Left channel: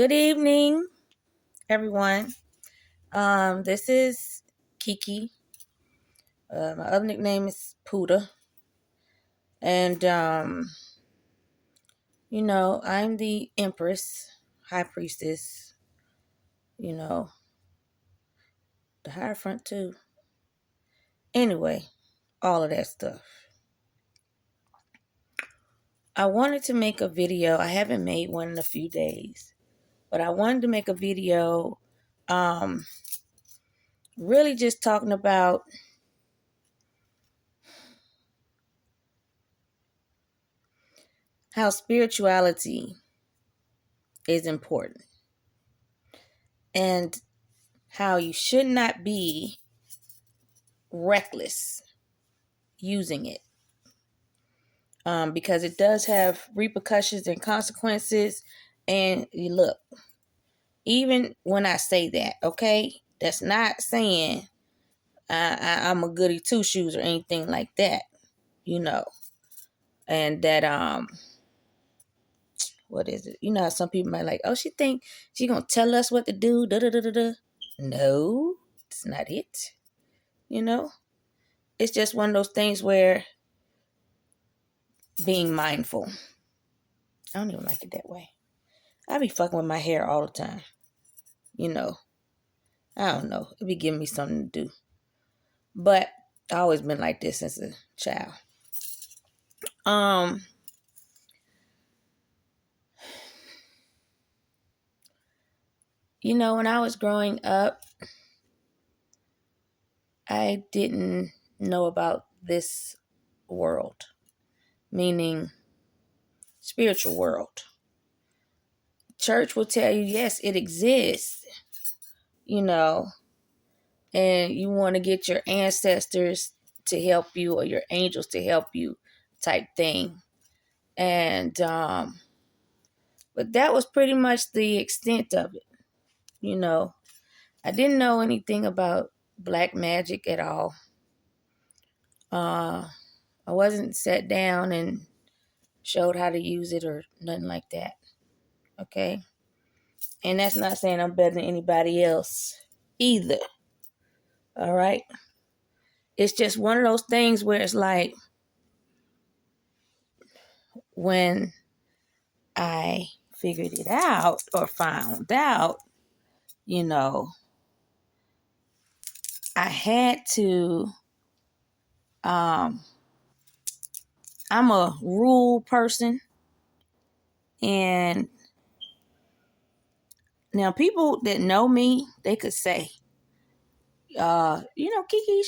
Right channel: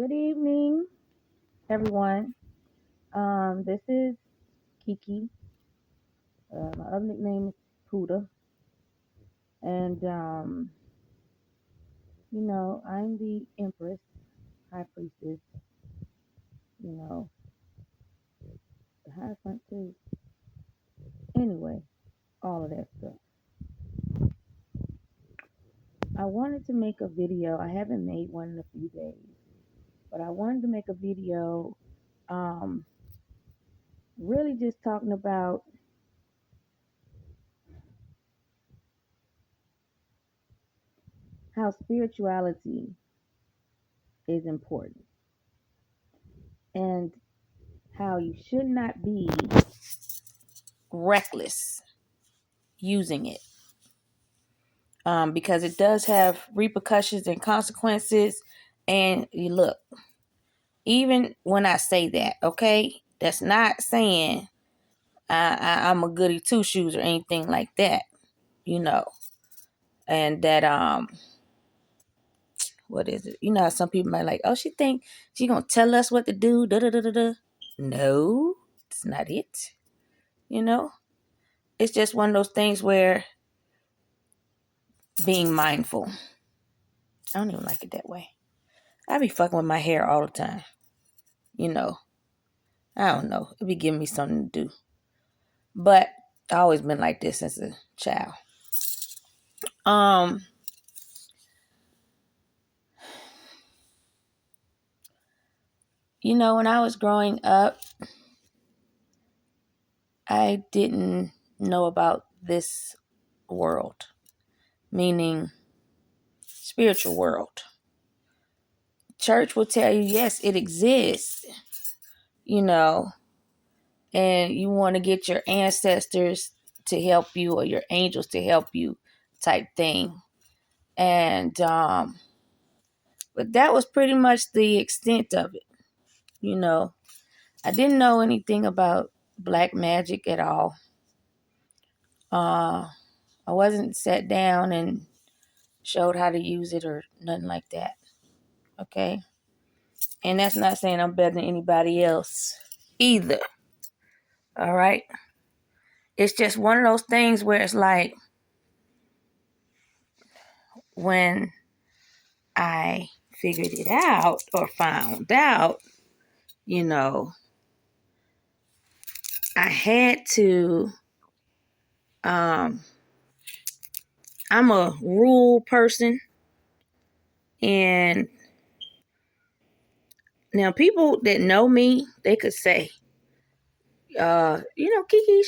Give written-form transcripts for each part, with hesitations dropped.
Good evening, everyone. This is Kiki. My other nickname is Puda. And, I'm the Empress, High Priestess, you know, the Hierophant too. Anyway, all of that stuff. I wanted to make a video. I haven't made one in a few days, but I wanted to make a video really just talking about how spirituality is important and how you should not be reckless using it, because it does have repercussions and consequences. And you look, even when I say that, okay, that's not saying I'm a goody two shoes or anything like that, you know. And that what is it? You know, how some people might like, oh, she think she gonna tell us what to do. Da da da da da. No, it's not it. You know, it's just one of those things where being mindful. I don't even like it that way. I be fucking with my hair all the time. You know, I don't know. It be giving me something to do. But I always been like this since a child. Um, when I was growing up, I didn't know about this world, meaning spiritual world. Church will tell you, yes, it exists, you know, and you want to get your ancestors to help you or your angels to help you type thing. And but that was pretty much the extent of it. You know, I didn't know anything about black magic at all. I wasn't sat down and showed how to use it or nothing like that. Okay. And that's not saying I'm better than anybody else either. All right. It's just one of those things where it's like when I figured it out or found out, you know, I had to, I'm a rule person. And now people that know me, they could say, Kiki,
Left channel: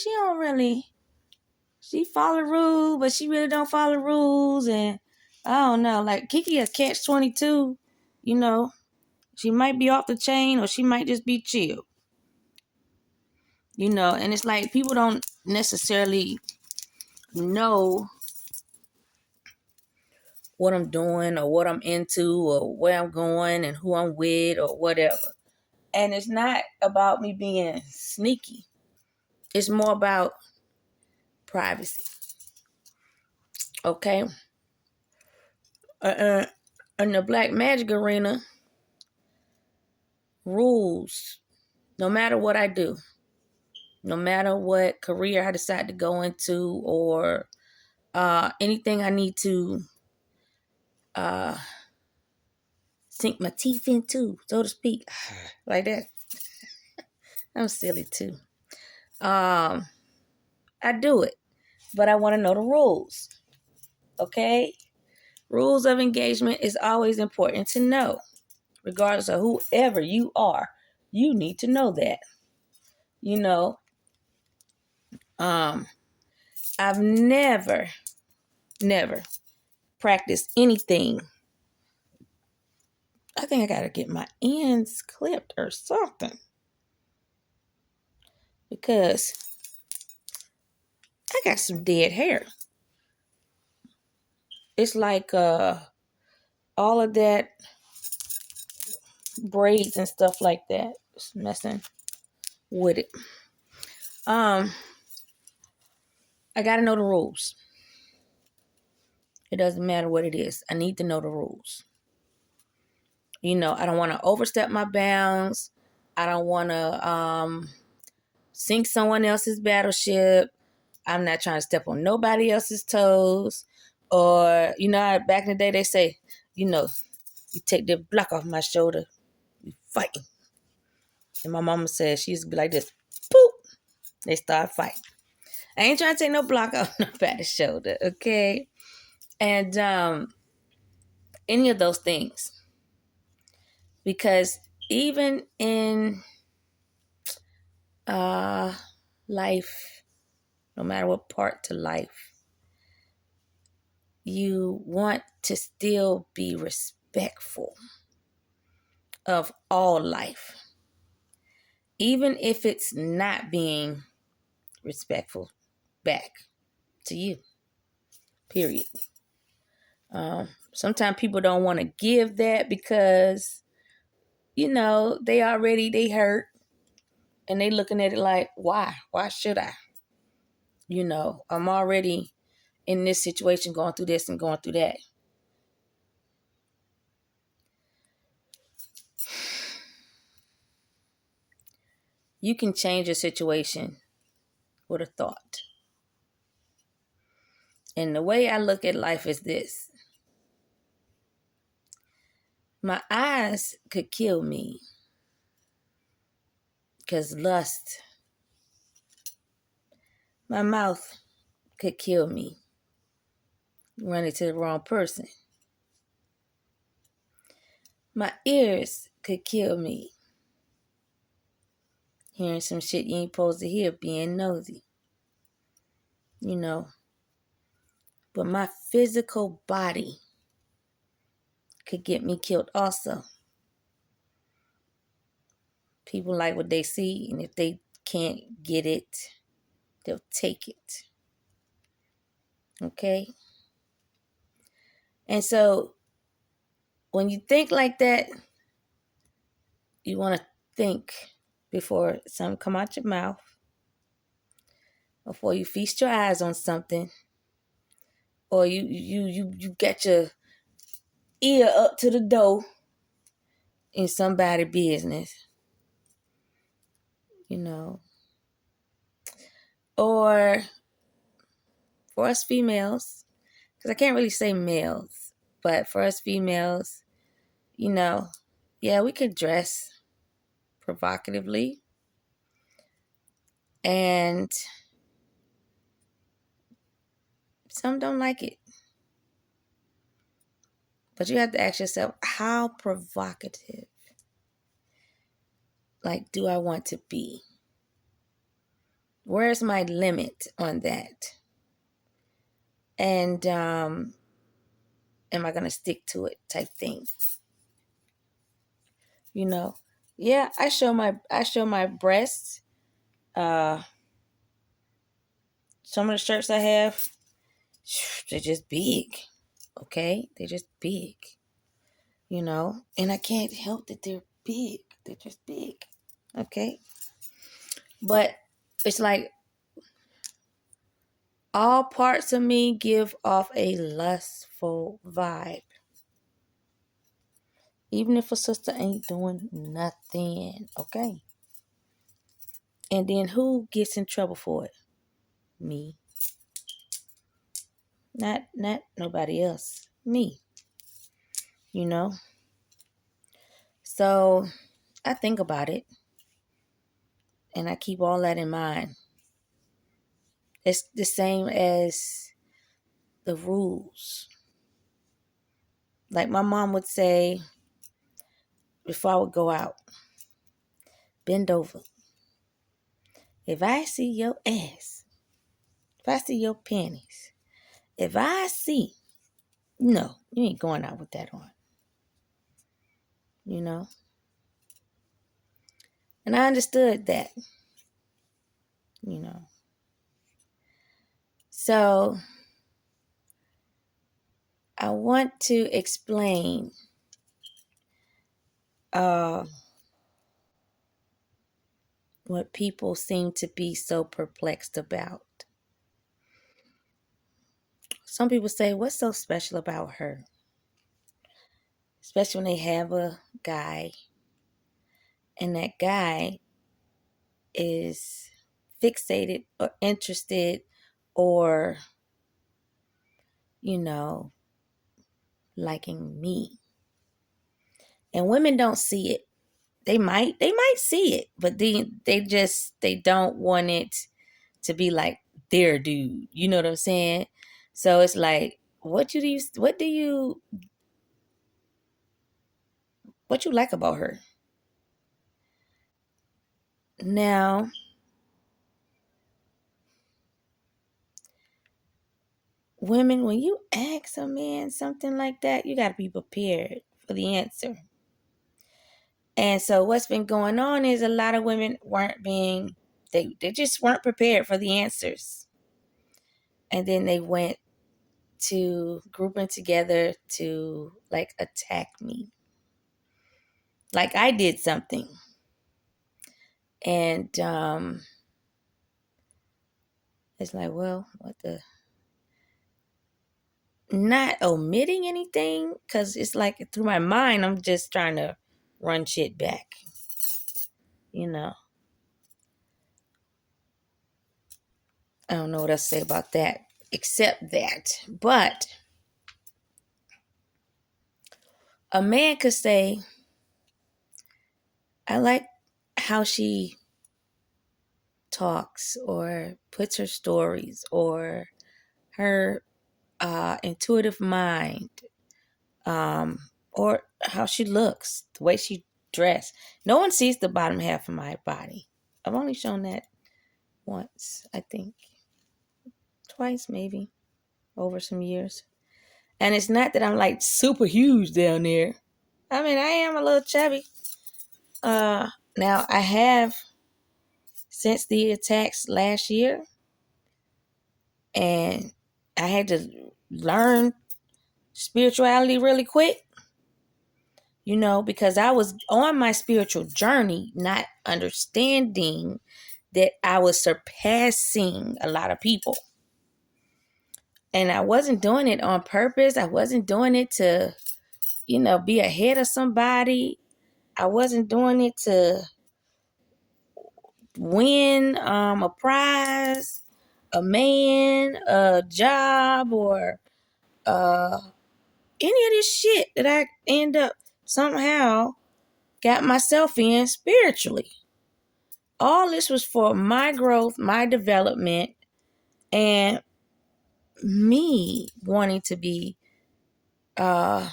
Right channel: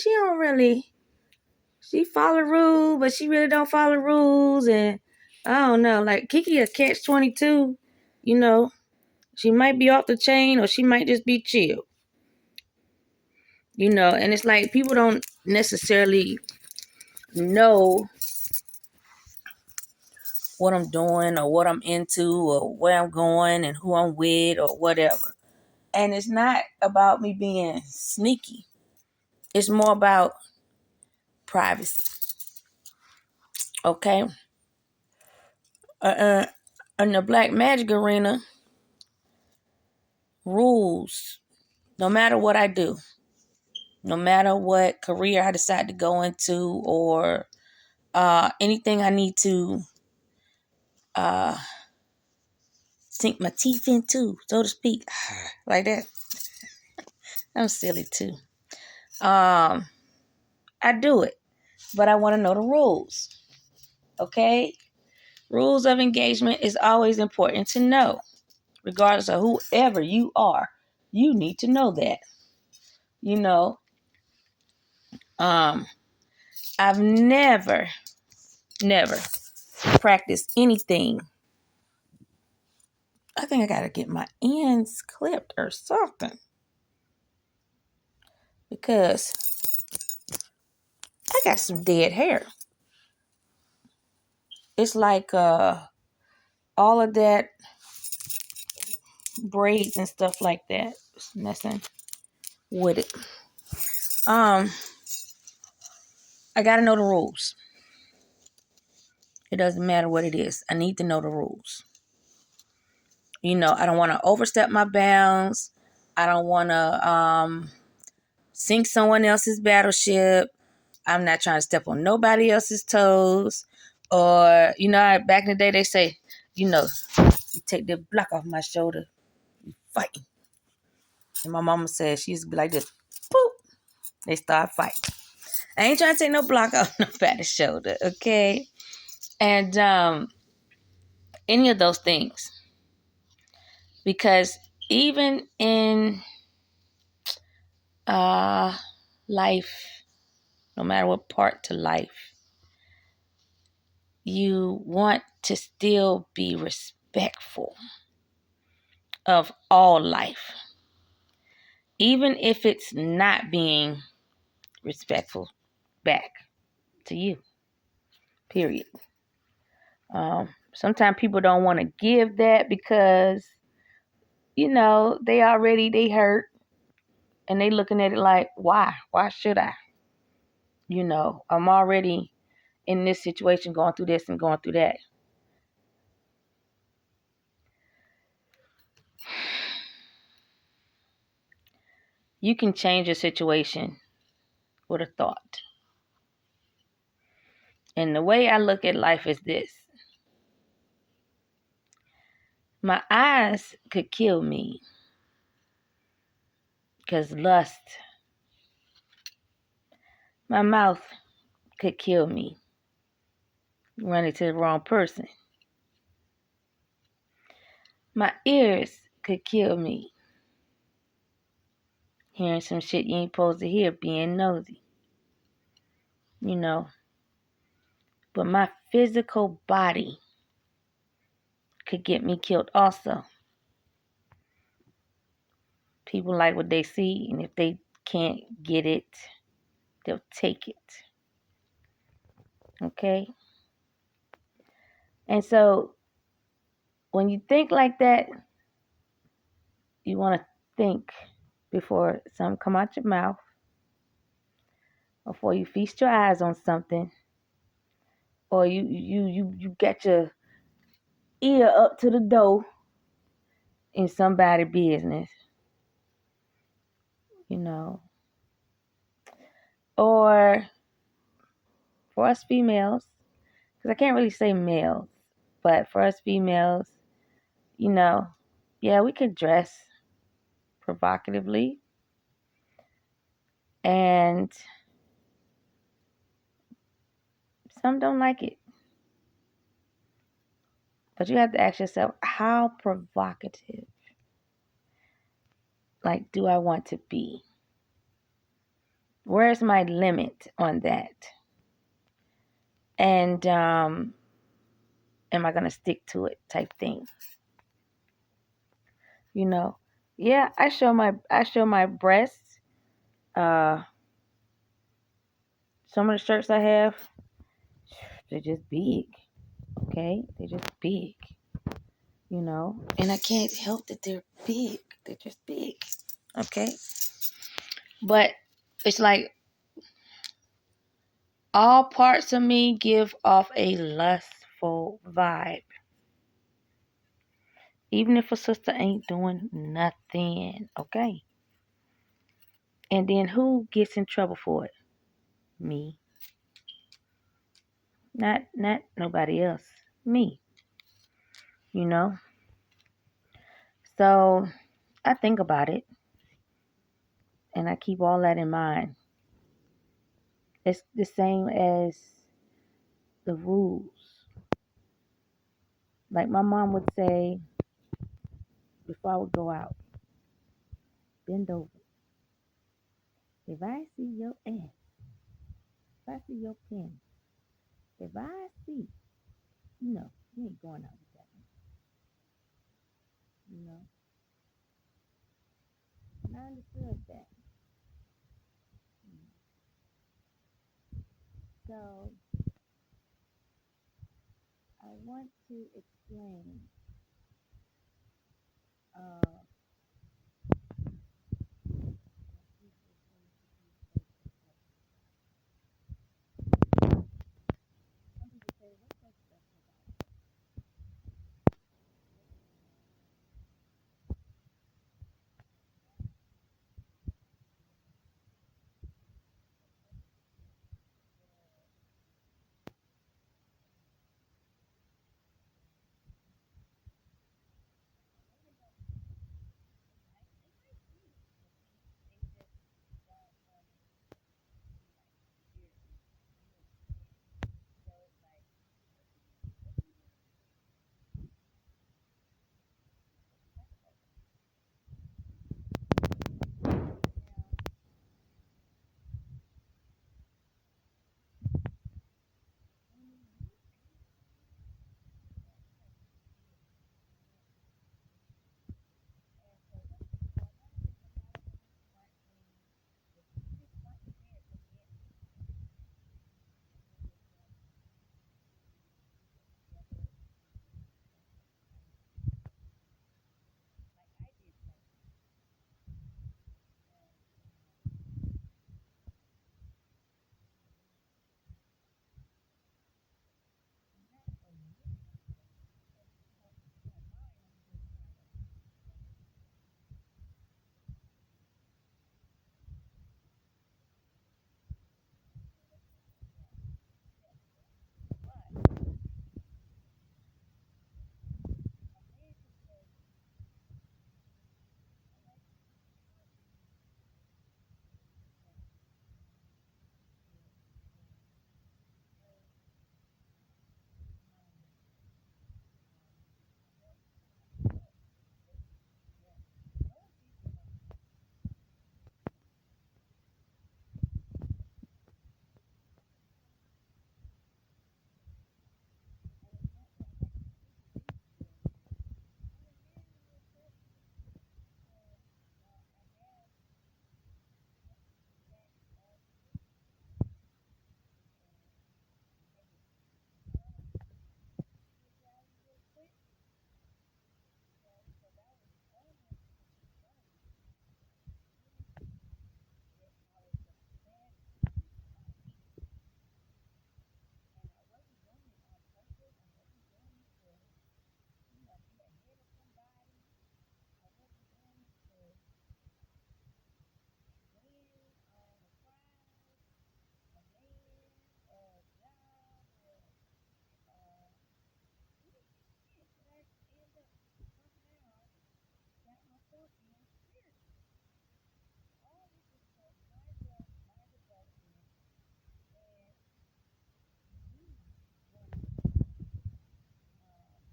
she follow rules, but she really don't follow rules. And I don't know, like Kiki a catch 22, you know, she might be off the chain or she might just be chill, and it's like people don't necessarily know what I'm doing or what I'm into or where I'm going and who I'm with or whatever. And it's not about me being sneaky. It's more about privacy. Okay? In the black magic arena, rules, no matter what I do, no matter what career I decide to go into or anything I need to sink my teeth into, so to speak, like that. I'm silly too. I do it, but I want to know the rules. Okay? Rules of engagement is always important to know. Regardless of whoever you are, you need to know that. I've never practiced anything. I think I got to get my ends clipped or something. Because I got some dead hair. It's like all of that braids and stuff like that. It's messing with it. I got to know the rules. It doesn't matter what it is. I need to know the rules. I don't want to overstep my bounds. I don't want to sink someone else's battleship. I'm not trying to step on nobody else's toes. Or, back in the day, they say, you take that block off my shoulder, you fighting. And my mama said she used to be like this, boop, they start fighting. I ain't trying to take no block off nobody's shoulder, okay? And any of those things. Because even in life, no matter what part to life, you want to still be respectful of all life. Even if it's not being respectful back to you. Period. Sometimes people don't want to give that because, they hurt and they looking at it like, why? Why should I? I'm already in this situation, going through this and going through that. You can change a situation with a thought. And the way I look at life is this. My eyes could kill me because lust. My mouth could kill me running to the wrong person. My ears could kill me hearing some shit you ain't supposed to hear, being nosy. But my physical body could get me killed also. People like what they see, and if they can't get it, they'll take it. Okay? And so, when you think like that, you want to think before something come out your mouth, before you feast your eyes on something, or you get your ear up to the door in somebody's business, or for us females, because I can't really say males, but for us females, yeah, we could dress provocatively, and some don't like it. But you have to ask yourself, how provocative, do I want to be? Where's my limit on that? And am I going to stick to it type thing? Yeah, I show my breasts. Some of the shirts I have, they're just big. Okay? They're just big. And I can't help that they're big. They're just big. Okay? But it's like all parts of me give off a lustful vibe. Even if a sister ain't doing nothing. Okay? And then who gets in trouble for it? Me. Not nobody else. Me. So I think about it. And I keep all that in mind. It's the same as the rules. Like my mom would say, before I would go out, bend over. If I see your ass, if I see your panties, if I see, no, you ain't going out with that on. And I understood that. So I want to explain what people seem to be so perplexed about. Some people say, what's so special about her? especially when they have a guy and that guy is fixated or interested or, you know, liking me. And women don't see it. They might see it, but they don't want it to be like their dude. You know what I'm saying? So it's like, what you like about her? Now, women, when you ask a man something like that, you got to be prepared for the answer. And so what's been going on is a lot of women they just weren't prepared for the answers. And then they went to grouping together to like attack me. Like I did something. And it's like, well, what the, not omitting anything, because it's like through my mind I'm just trying to run shit back, you know. I don't know what else to say about that except that. But a man could say, I like how she talks or puts her stories or her intuitive mind, or how she looks, the way she dressed. No one sees the bottom half of my body. I've only shown that once, I think. Twice, maybe, over some years. And it's not that I'm like super huge down there. I mean, I am a little chubby. Now I have, since the attacks last year, and I had to learn spirituality really quick, you know, because I was on my spiritual journey, not understanding that I was surpassing a lot of people. And I wasn't doing it on purpose. I wasn't doing it to, you know, be ahead of somebody. I wasn't doing it to win a prize, a man, a job, or any of this shit that I end up somehow got myself in spiritually. All this was for my growth, my development, and me wanting to be to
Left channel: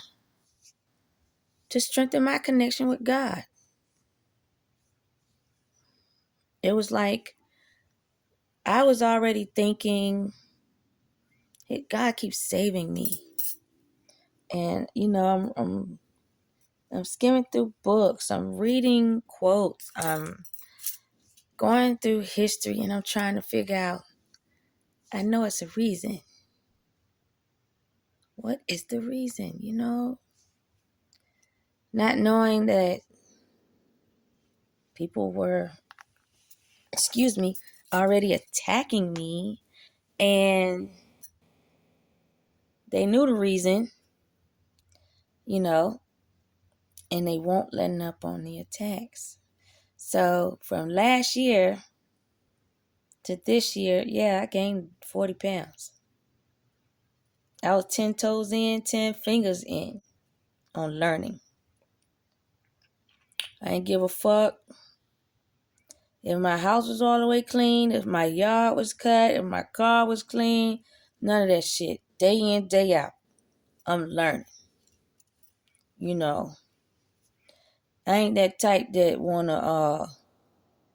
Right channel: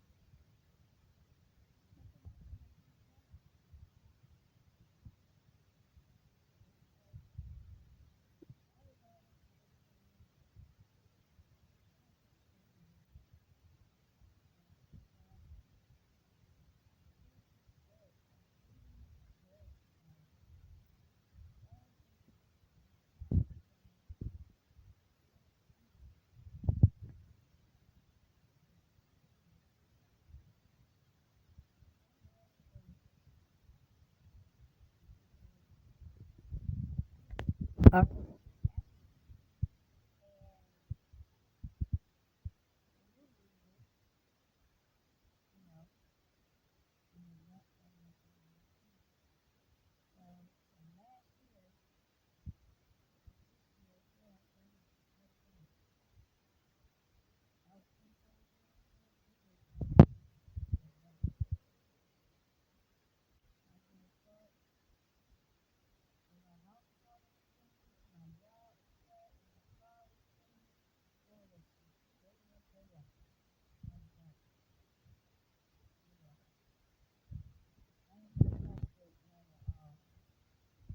strengthen my connection with God. It was like I was already thinking, hey, God keeps saving me. And you know, I'm skimming through books, I'm reading quotes, I'm going through history, and I'm trying to figure out, I know it's a reason. What is the reason, you know? Not knowing that people were, already attacking me, and they knew the reason, you know, and they won't letting up on the attacks. So from last year to this year, yeah, I gained 40 pounds. I was 10 toes in, 10 fingers in on learning. I didn't give a fuck if my house was all the way clean, if my yard was cut, if my car was clean. None of that shit. Day in, day out, I'm learning. You know, I ain't that type that wanna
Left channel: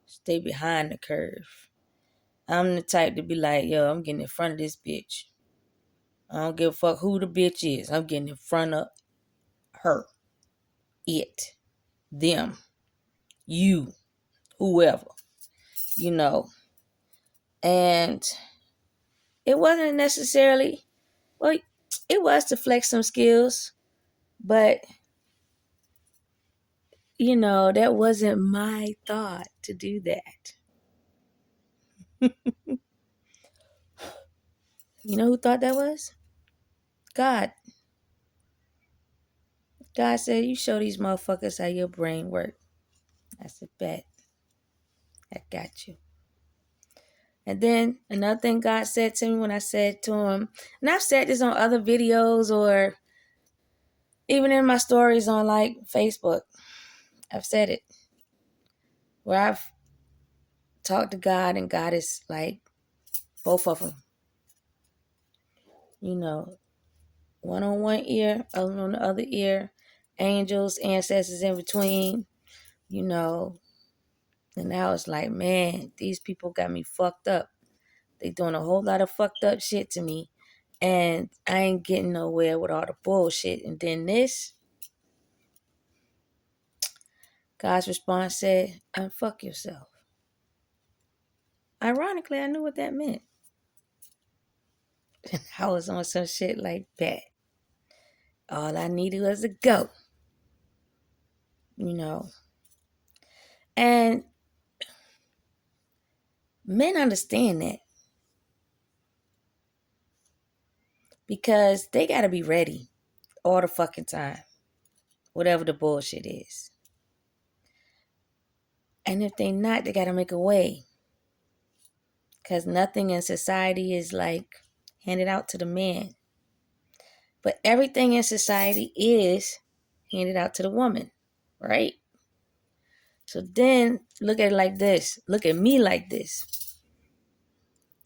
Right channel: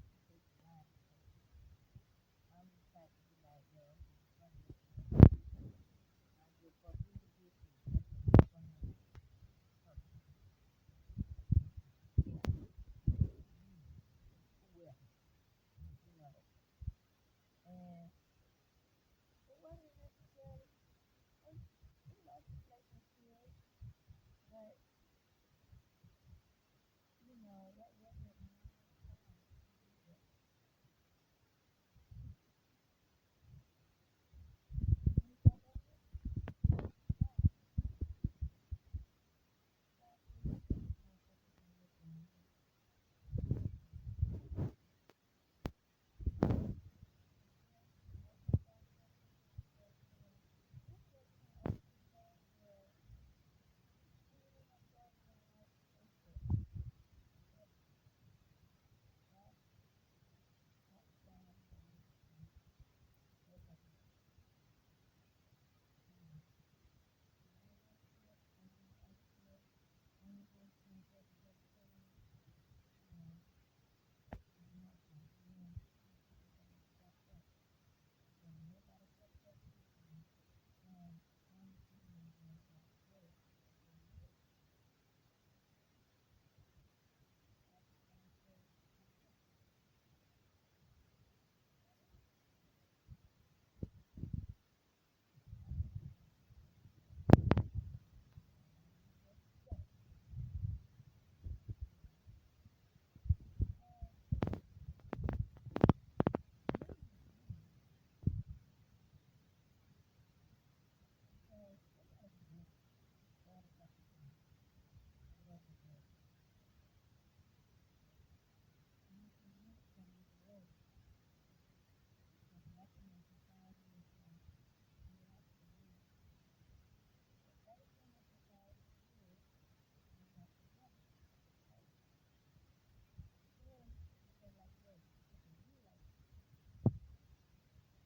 stay behind the curve. I'm the type to be like, yo, I'm getting in front of this bitch. I don't give a fuck who the bitch is. I'm getting in front of her, it, them, you, whoever, you know. And it wasn't necessarily, well, it was to flex some skills, but, you know, that wasn't my thought to do that. You know who thought that was? God. God said, you show these motherfuckers how your brain works. I said, bet. I got you. And then another thing God said to me when I said to him, and I've said this on other videos or even in my stories on like Facebook, I've said it, where I've talked to God and God is like both of them, you know, one on one ear, other on the other ear, angels, ancestors in between, you know. And now it's like, man, these people got me fucked up. They doing a whole lot of fucked up shit to me. And I ain't getting nowhere with all the bullshit. And then this, God's response said, unfuck yourself. Ironically, I knew what that meant. I was on some shit like that. All I needed was a go. You know. And men understand that. Because they gotta be ready all the fucking time. Whatever the bullshit is. And if they not, they gotta make a way. Because nothing in society is like handed out to the man. But everything in society is handed out to the woman, right? So then look at it like this. Look at me like this.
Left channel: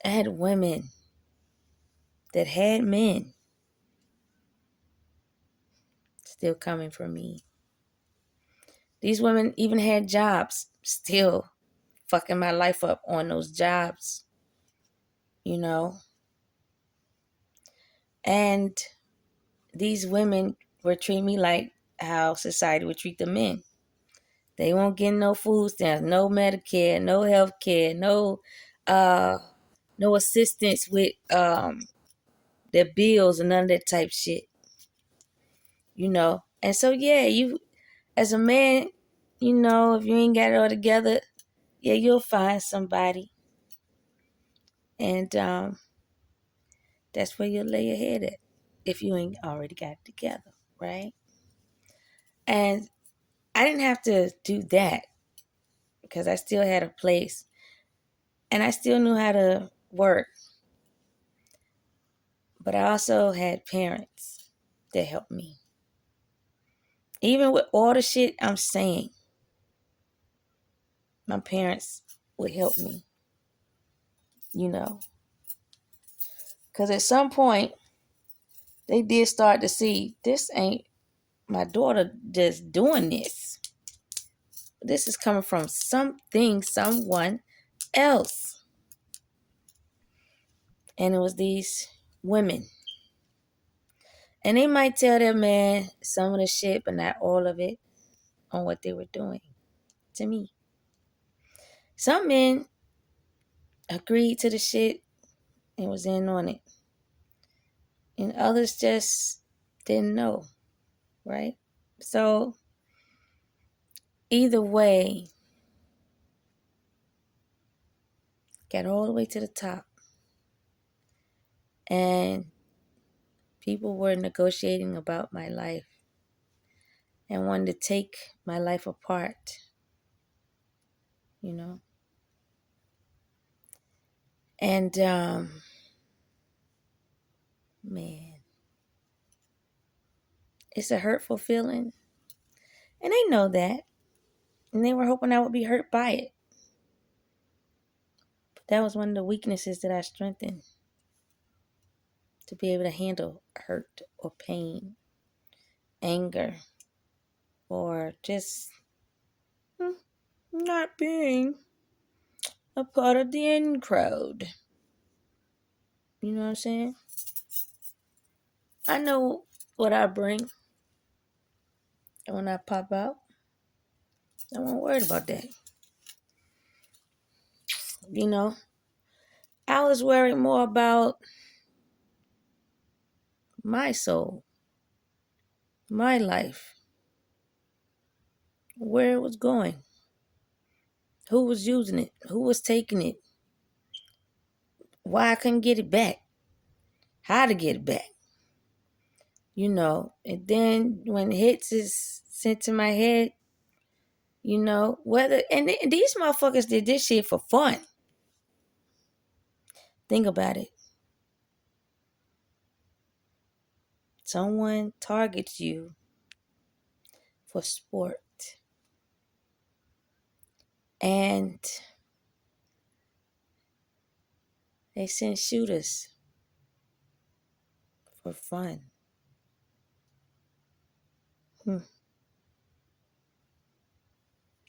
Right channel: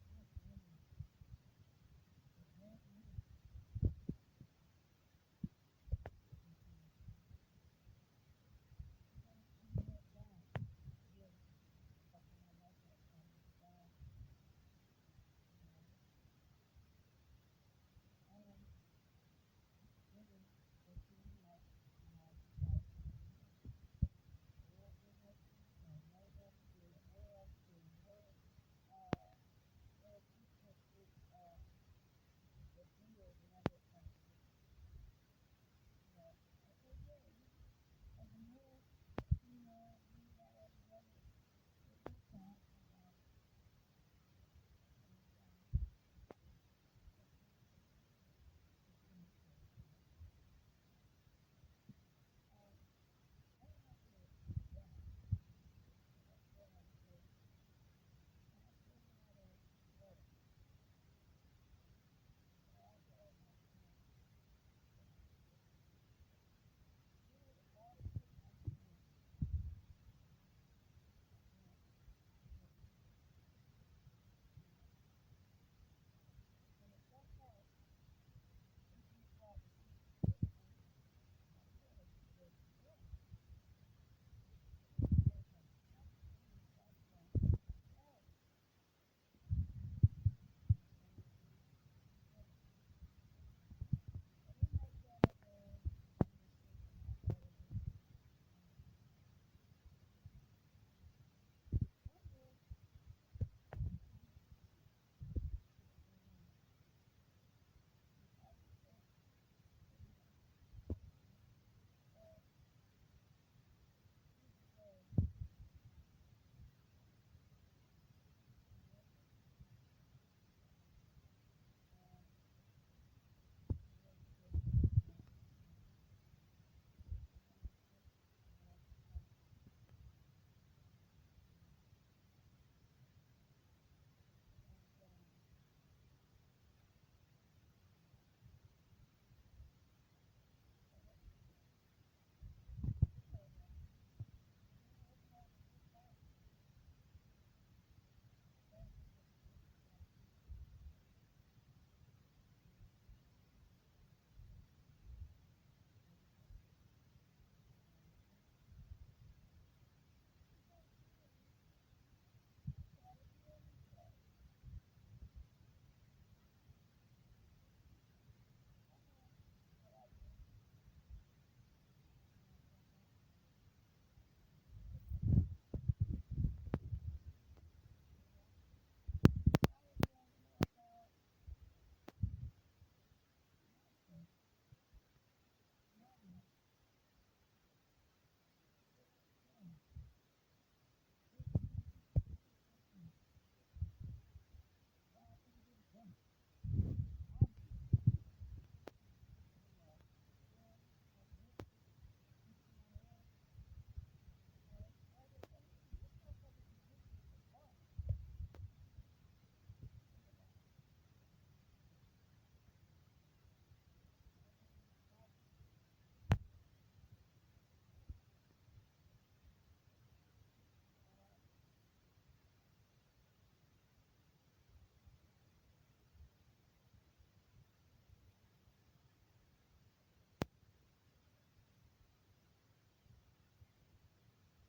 I had women that had men still coming for me. These women even had jobs, still fucking my life up on those jobs, you know? And these women were treating me like how society would treat the men. They won't get no food stamps, no Medicare, no health care, no assistance with their bills and none of that type shit. You know? And so yeah, you as a man, you know, if you ain't got it all together, yeah, you'll find somebody. And that's where you'll lay your head at if you ain't already got it together, right? And I didn't have to do that because I still had a place and I still knew how to work. But I also had parents that helped me. Even with all the shit I'm saying, my parents would help me, you know. Because at some point, they did start to see this ain't my daughter just doing this. This is coming from someone else. And it was these women. And they might tell their man some of the shit, but not all of it on what they were doing to me. Some men agreed to the shit and was in on it. And others just didn't know, right? So either way, got all the way to the top. And people were negotiating about my life and wanted to take my life apart, you know. And man, it's a hurtful feeling. And they know that. And they were hoping I would be hurt by it. But that was one of the weaknesses that I strengthened. To be able to handle hurt or pain, anger, or just not being a part of the in crowd. You know what I'm saying? I know what I bring. And when I pop out, I won't worry about that. You know? I was worried more about my soul, my life, where it was going, who was using it, who was taking it, why I couldn't get it back, how to get it back. And then when hits is sent to my head, whether, and these motherfuckers did this shit for fun. Think about it. Someone targets you for sport, and they send shooters for fun.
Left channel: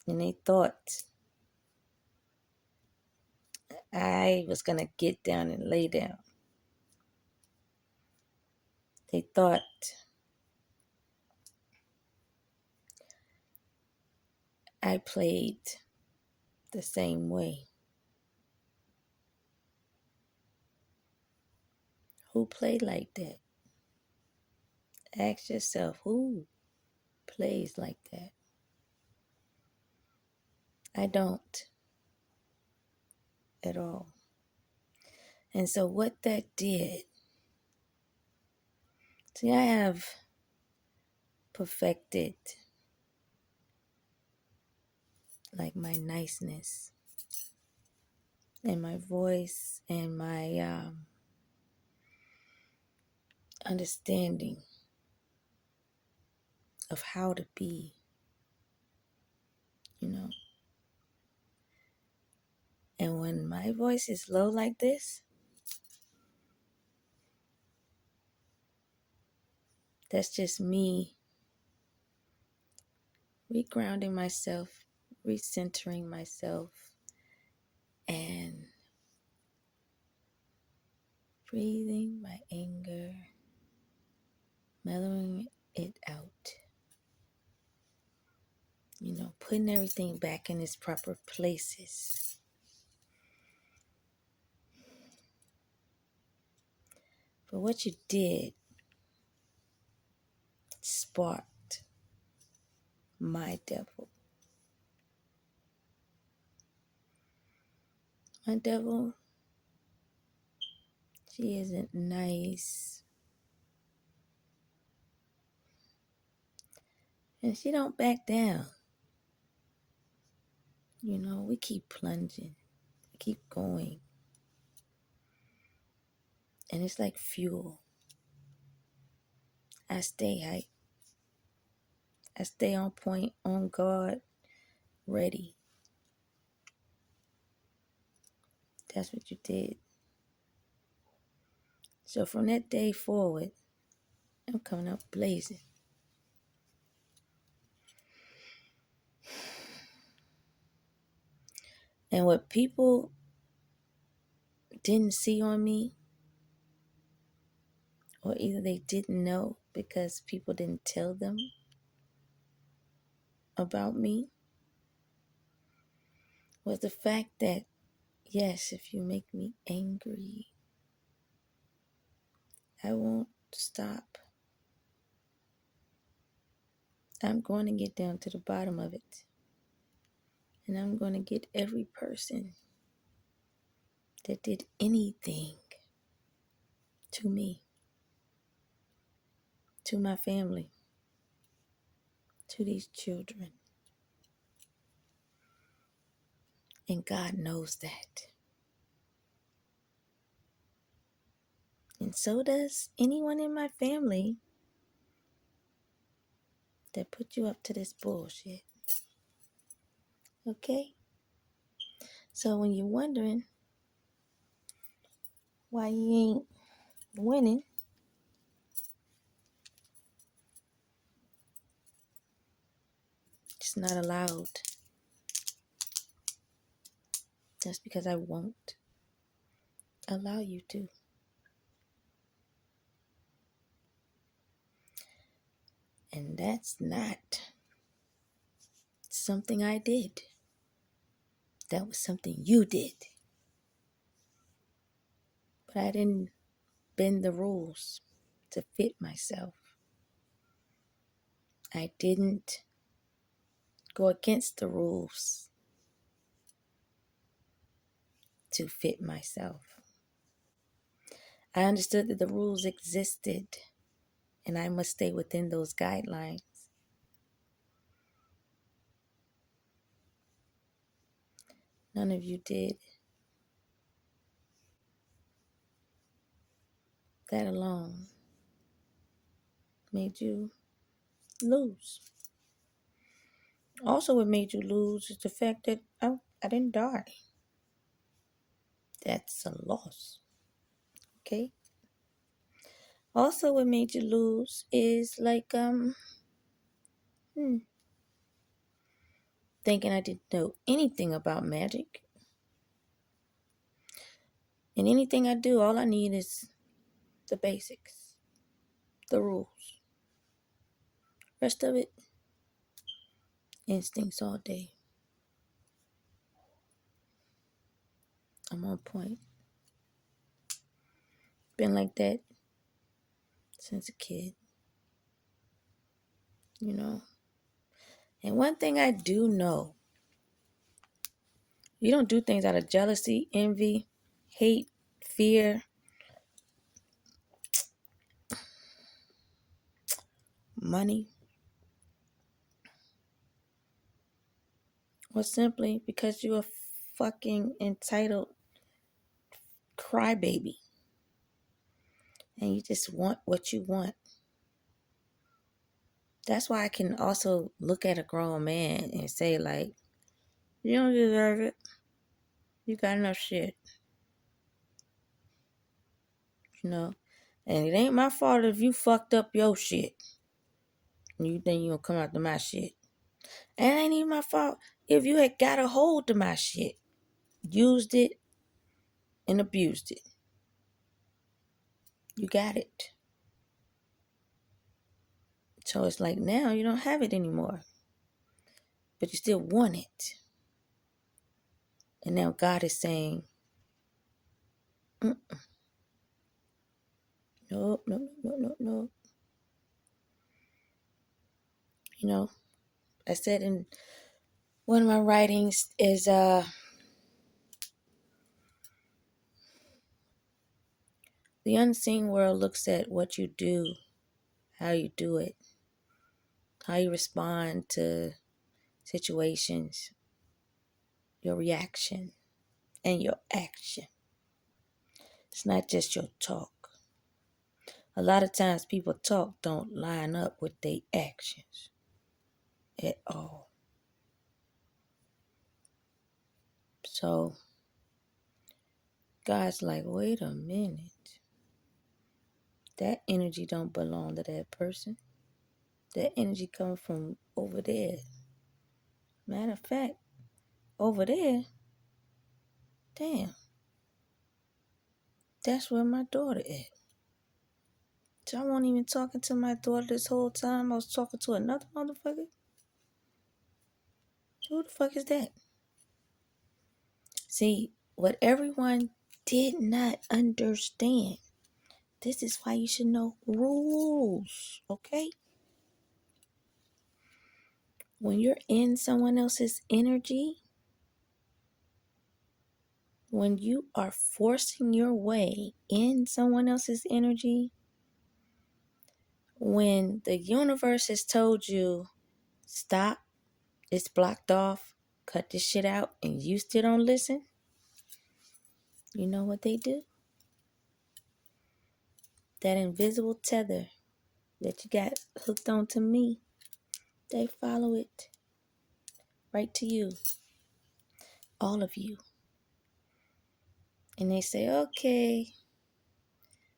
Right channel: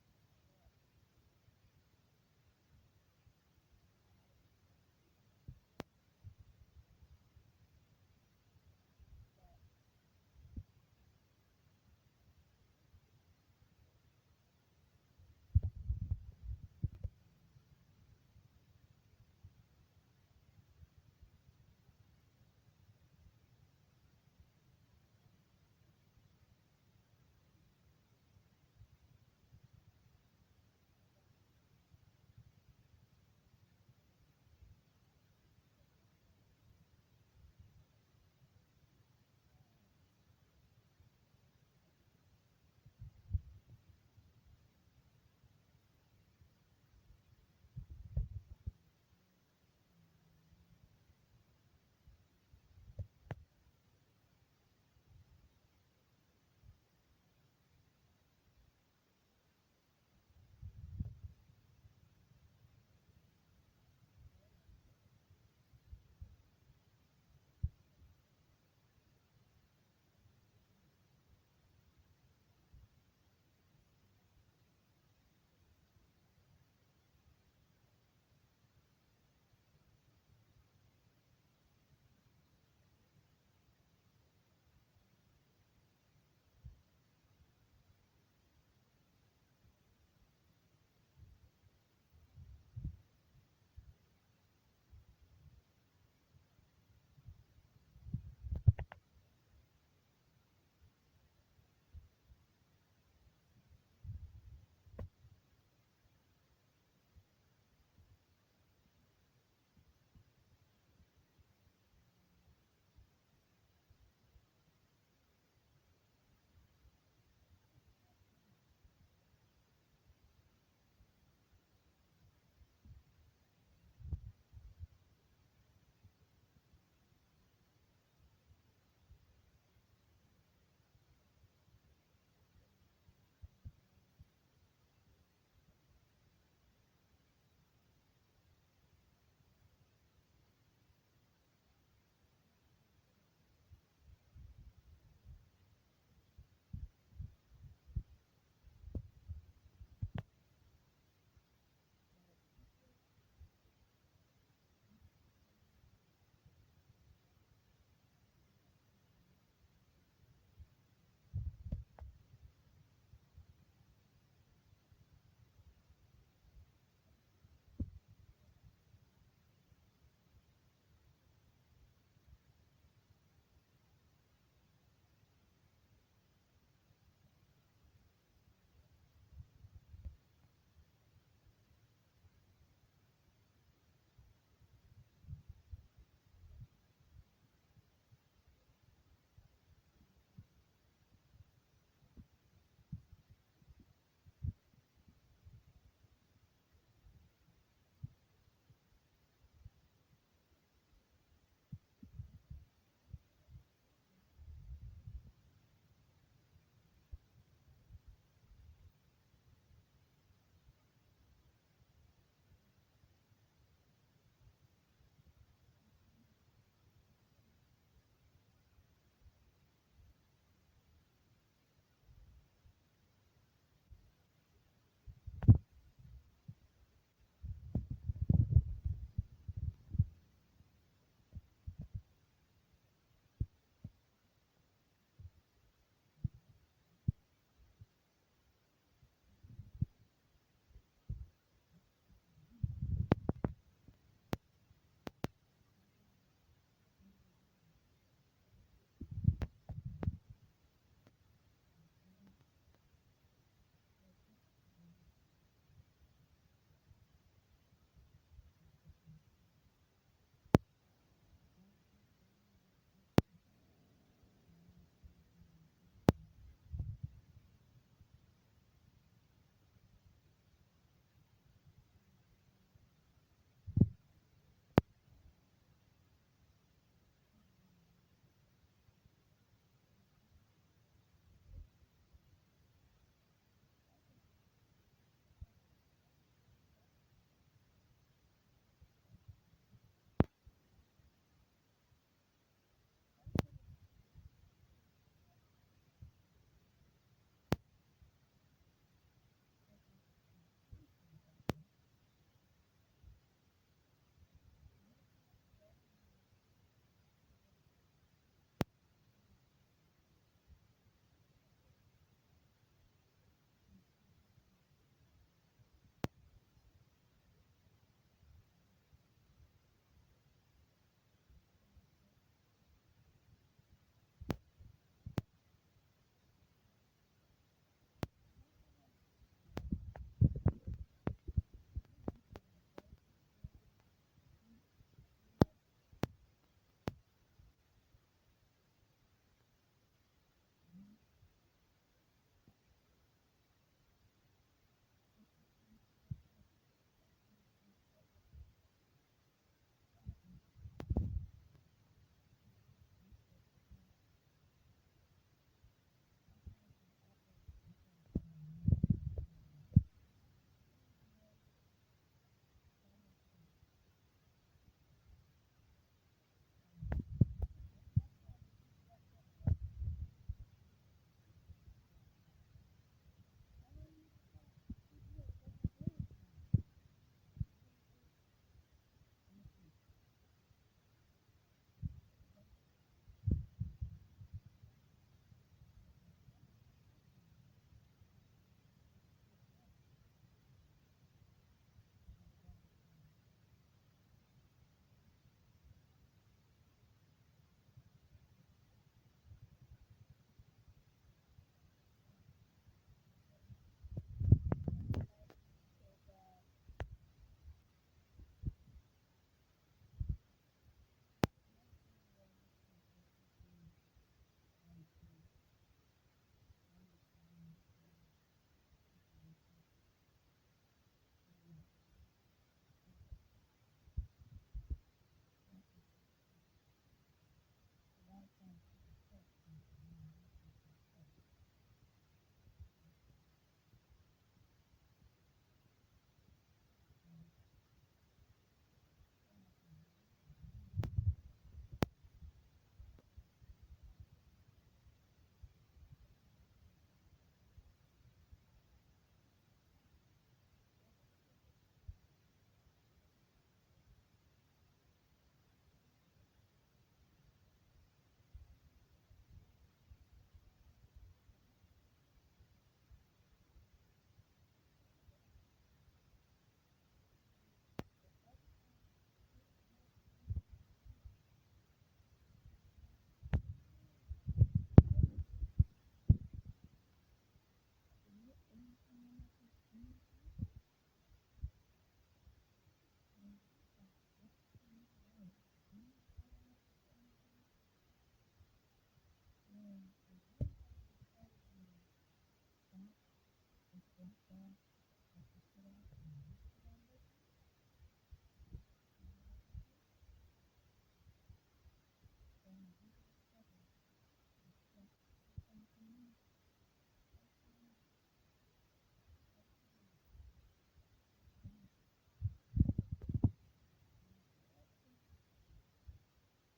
And they thought I was going to get down and lay down. They thought I played the same way. Who played like that? Ask yourself, who plays like that? I don't at all. And so what that did, see, I have perfected like my niceness and my voice and my understanding of how to be, And when my voice is low like this, that's just me regrounding myself, recentering myself, and breathing my anger, mellowing it out. Putting everything back in its proper places. But what you did sparked my devil. My devil, she isn't nice. And she don't back down. We keep plunging. We keep going. And it's like fuel. I stay hype. I stay on point, on guard, ready. That's what you did. So from that day forward, I'm coming up blazing. And what people didn't see on me, or either they didn't know because people didn't tell them about me, was the fact that, yes, if you make me angry, I won't stop. I'm going to get down to the bottom of it. And I'm going to get every person that did anything to me, to my family, to these children. And God knows that. And so does anyone in my family that put you up to this bullshit. Okay? So when you're wondering why you ain't winning, it's not allowed. That's because I won't allow you to. And that's not something I did. That was something you did. But I didn't bend the rules to fit myself. I didn't go against the rules to fit myself. I understood that the rules existed and I must stay within those guidelines. None of you did. That alone made you lose. Also, what made you lose is the fact that I didn't die. That's a loss. Okay? Also, what made you lose is like, thinking I didn't know anything about magic. And anything I do, all I need is the basics, the rules. Rest of it, instincts all day. I'm on point. Been like that since a kid, you know. And one thing I do know, you don't do things out of jealousy, envy, hate, fear, money, or simply because you're a fucking entitled crybaby and you just want what you want. That's why I can also look at a grown man and say, like, you don't deserve it. You got enough shit. You know? And it ain't my fault if you fucked up your shit. And you think you gonna come after my shit. And it ain't even my fault if you had got a hold of my shit, used it, and abused it. You got it. So it's like now you don't have it anymore. But you still want it. And now God is saying, nope, nope, nope, nope, nope. You know, I said in one of my writings is the unseen world looks at what you do, how you do it, how you respond to situations, your reaction, and your action. It's not just your talk. A lot of times people talk don't line up with their actions at all. So God's like, wait a minute. That energy don't belong to that person. That energy coming from over there. Matter of fact, over there, damn, that's where my daughter is. So I wasn't even talking to my daughter this whole time. I was talking to another motherfucker. Who the fuck is that? See, what everyone did not understand. This is why you should know rules, okay? When you're in someone else's energy, when you are forcing your way in someone else's energy, when the universe has told you, stop, it's blocked off, cut this shit out, and you still don't listen, you know what they do? That invisible tether that you got hooked onto me, they follow it right to you, all of you. And they say, okay,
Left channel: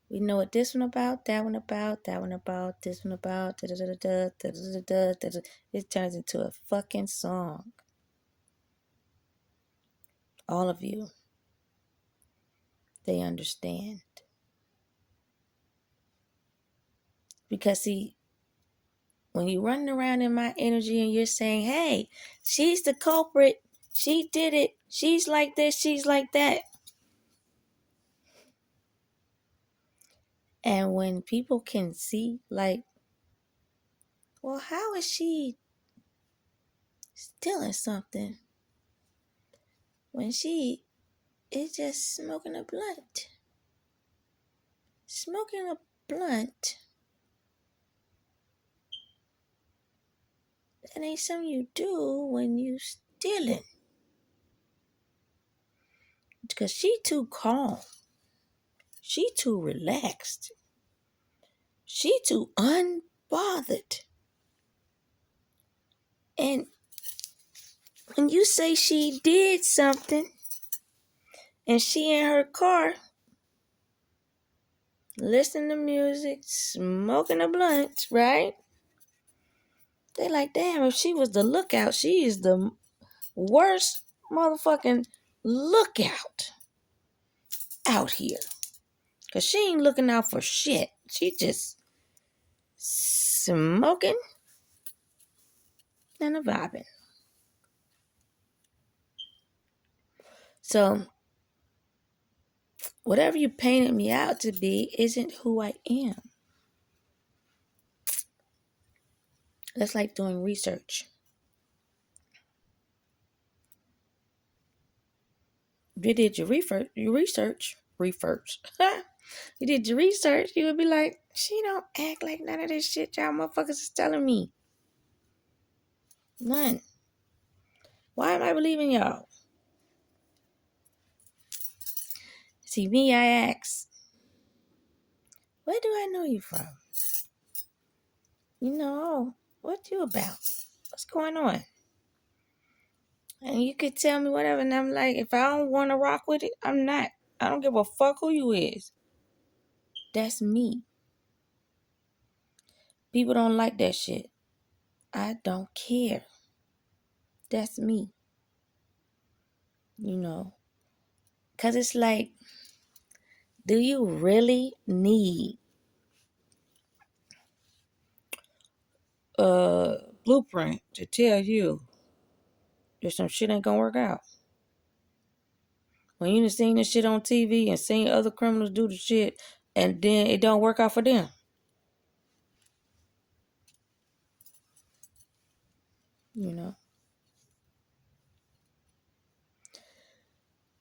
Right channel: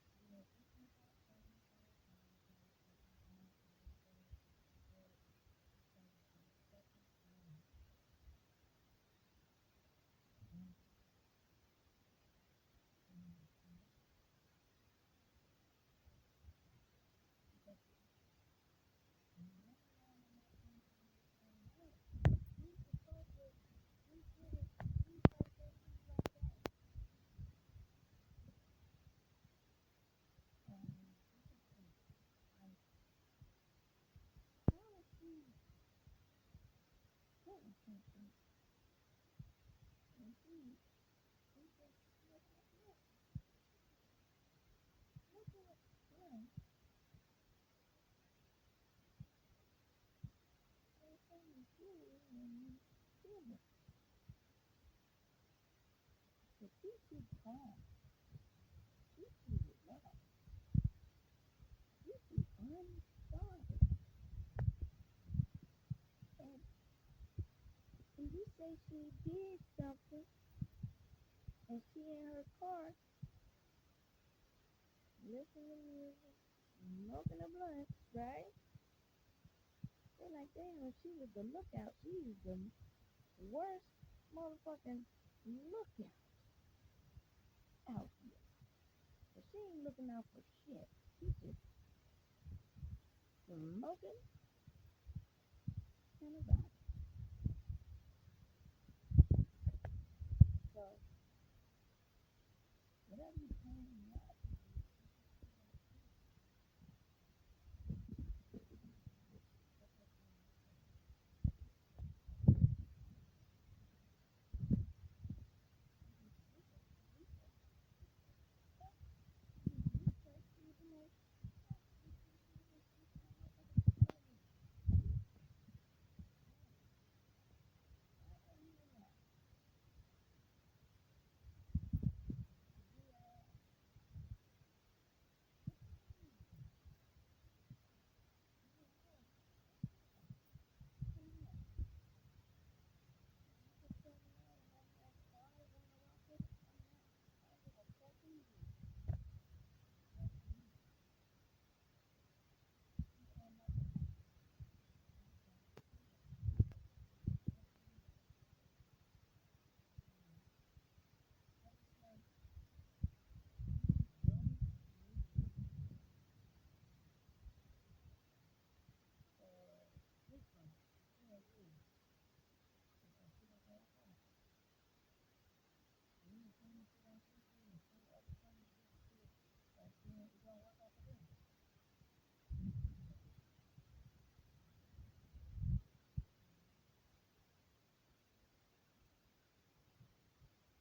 we know what this one about, that one about, that one about, this one about, da-da-da-da-da, da-da-da-da, da-da. It turns into a fucking song. All of you, they understand. Because see, when you're running around in my energy and you're saying, hey, she's the culprit, she did it, she's like this, she's like that. And when people can see, like, well, how is she stealing something when she is just smoking a blunt? Smoking a blunt That ain't something you do when you stealing. Because she too calm. She too relaxed. She too unbothered. And when you say she did something and she in her car listening to music, smoking a blunt, right? They like, damn, if she was the lookout, she is the worst motherfucking lookout out here. Because she ain't looking out for shit. She just smoking and a vibing. So, whatever you painted me out to be isn't who I am. That's like doing research. You did your research. You did your research. You would be like, she don't act like none of this shit y'all motherfuckers is telling me. None. Why am I believing y'all? See, me, I ask, where do I know you from? You know, what you about? What's going on? And you could tell me whatever, and I'm like, if I don't want to rock with it, I'm not. I don't give a fuck who you is. That's me. People don't like that shit. I don't care. That's me. You know. Because it's like, do you really need a blueprint to tell you that some shit ain't gonna work out? When you done seen this shit on TV and seen other criminals do the shit and then it don't work out for them. You know.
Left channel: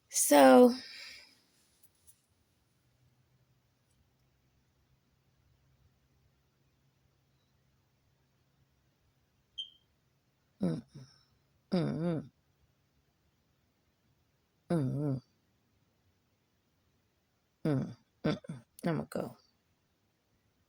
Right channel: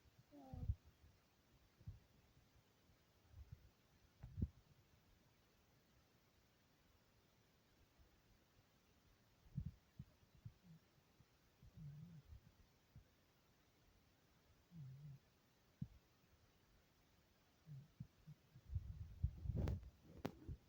So mm, mm, mm.